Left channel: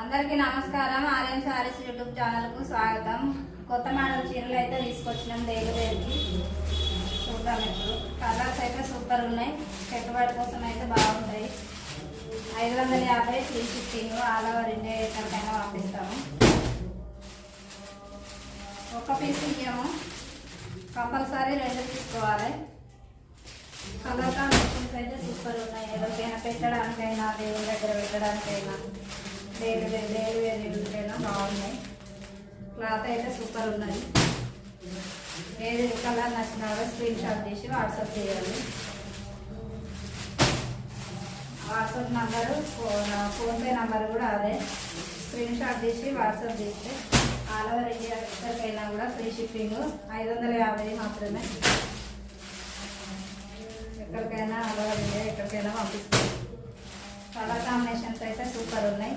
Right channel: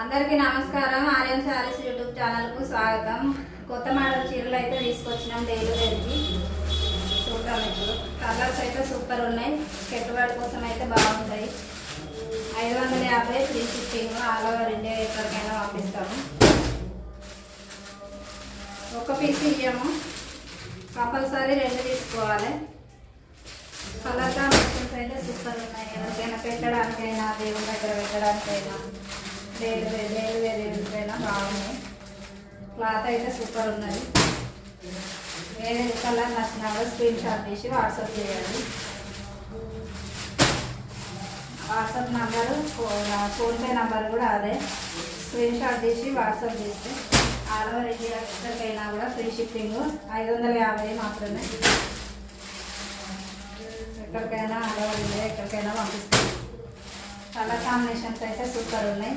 అందరికీ నమస్కారం. ఆర్యన్ శారీస్ యూట్యూబ్ ఛానల్కు స్వాగతం. కొత్త మోడల్ చీరలు అయితే తీసుకొచ్చినాం డైలీ వేర్కి. చూద్దాం ఇప్పుడు. కలర్స్ అయితే సూపర్ ఉన్నాయి. పెట్టుబడి కోసం అయితే బాగుంటాయి. 550 free shipping, all over India ఎక్కడికైనా పంపిస్తాము. ఒక పీస్ ఇవ్వము, కంపల్సరీ 2 తీసుకోవాలి. కలర్ కాంబినేషన్స్ అయితే సూపర్ ఉన్నాయి. ఎవరికైనా పెట్టడానికైనా, దేవుని దగ్గర పెట్టడానికైనా, వేరు బాగున్నాయి. క్లాత్ అయితే సూపర్ ఉన్నది. వేరే కలర్ నచ్చిన స్క్రీన్ షాట్ తీసి వాట్సాప్ చేయాలి. వాట్సాప్ నంబరు, ఫోన్పే నంబర్ కూడా అదే. స్క్రీన్ షాట్ తీసి వాట్సాప్ చేస్తే ఆల్ ఓవర్ ఇండియా ఎక్కడికైనా కూడా ఫ్రీ షిప్పింగ్. 550 మాత్రమే. ఎక్కడికైనా ఆల్ ఓవర్ ఇండియా ఎక్కడికైనా పంపిస్తాం. కలర్ కాంబినేషన్స్ అయితే సూపర్ ఉన్నాయి.